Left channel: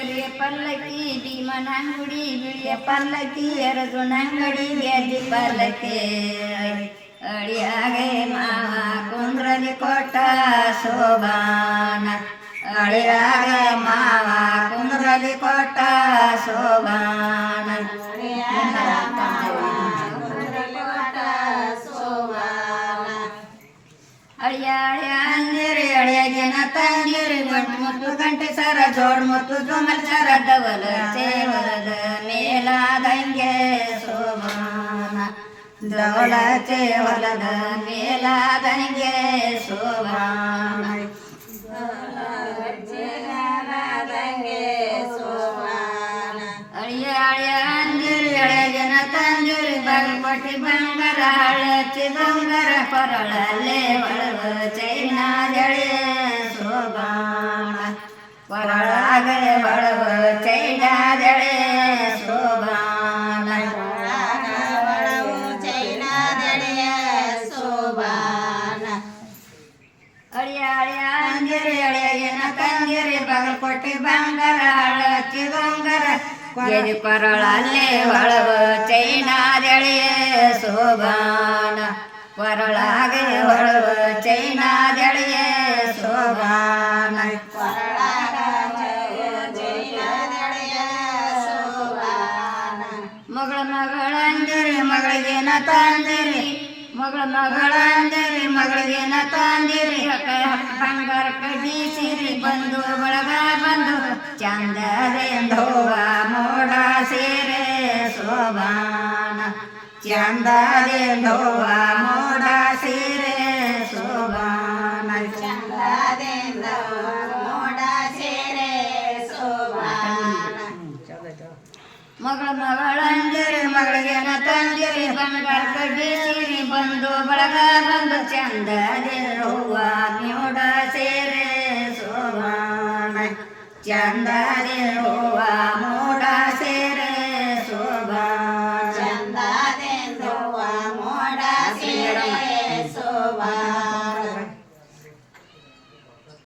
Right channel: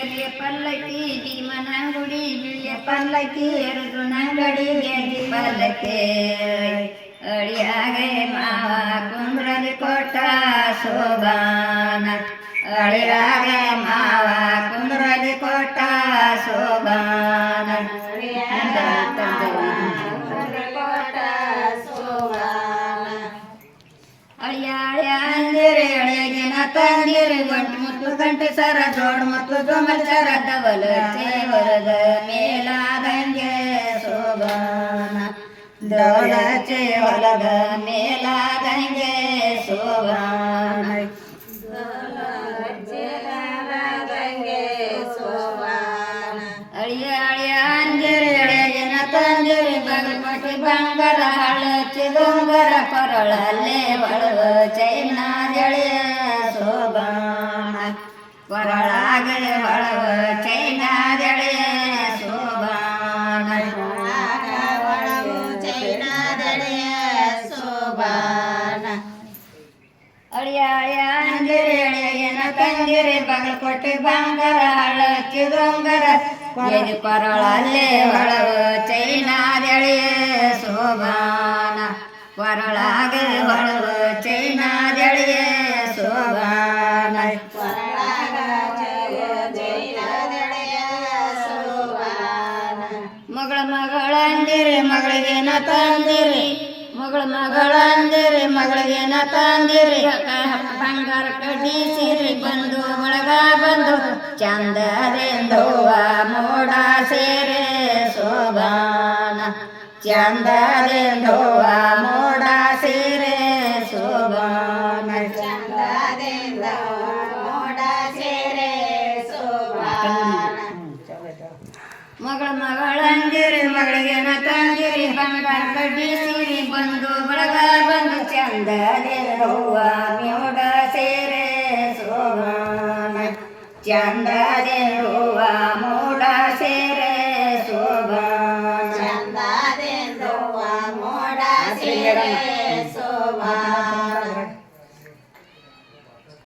ಕರಿಯ ಪಲ್ಲಕ್ಕಿ ಭೀಮನಂಗುಡಿ ಬಿಳಿಯ ಪಲ್ಲಕ್ಕಿ ಎರಡು ನಂಗಡಿ ಗೆದ್ದಿ ಪಲ್ಲಕ್ಕಿ ಅಳಿಯಾಗೆ ಮಾವ ಕುಂದ್ರಲಿ ಕೊಟ್ಟ ಶೋಭಾನ ಅಳಿಯಾಗೆ ಮಾವ ಕುಂದ್ರಲಿ ಕೊಟ್ಟ ಶೋಭಾನ ಅಳಿಯಾಳೆ ಅಂದಿರಿ ಅಳಿಯಾಗಿನ ತಂದಿರಿ ಮುತ್ತು ಗಂಟೆ ಸರ ಜೋಡ್ ಮುತ್ತು ಜುಮಲ್ ಸರ ಡಬಲ್ ಚೇವರದ ಮೇಲಾದಂಗೆ ಶೋಭಾನ ಡಬಲ ಚೇವರದ ಮೇಲಾದಂಗೆ ಶೋಭಾನ ಅಳಿಯಾಳೆ ಅಂದಿರಿ ಅಳಿಯಾಗಿನ ತಂದಿರಿ ಬಗಮಟಿ ಬಂಗಾರ ಹಳಚಿ ದೊಂಗರ ಕೊರಳಲ್ಲೇ ಒಳವ ಚೈನಾ ಜಳೆ ಶೋಭಾನ ಕೊರಳಾಗೆ ಒಳವ ಚೈನಾ ಜಳೆ ಶೋಭಾನ ಅಳಿಯಾಳೆ ಅಂದಿರಿ ಅಳಿಯಾಗಿನ ತಂದಿರಿ ಬಗಲ್ಕೊಟ್ಟಿ ಬಂಗಾರ ಹಳಚಿ ದೊಂಗರ ಎದೆ ಕೊರಳಲ್ಲೇ ಒಳವ ಚೈನಾದೆಳೆ ಶೋಭಾನ ಕೊರಳಾಗೆ ಒಳವ ಚೈನಾದೆಳೆ ಶೋಭಾನ ಮಗಳಂದಿರಿ ಮಗಳಿಗೇನ ತಂದಿರಿ ಮಗಳಂದಿರಿ ಮಗಳಿಗೇನ ತಂದಿರಿ ಬಂಗಾರ ಕಡ್ಡಿ ಸಿರಿ ಬಂದು ಬಳಗ ಬಂದು ಚಂದರೆಂದುವ ಮೋಡ ಸೇರೆ ಶೋಭಾನ ಚಂದರೆಂದುವ ಮೋಡ ಸೇರೆ ಶೋಭಾನ ಮೋಡ ಸೇರೆ ಮಗಳಂದಿರಿ ಮಗಳಿಗೇನ ತಂದಿರಿ ಬಂಗಾರ ಕಡ್ಡಿ ಸಿರಿ ಬಂದು ಬಳಗ ಬಂದು ಚಂದರೆಂದುವ ಮೋಡ ಸೇರೆ ಶೋಭಾನ ಚಂದರೆಂದುವ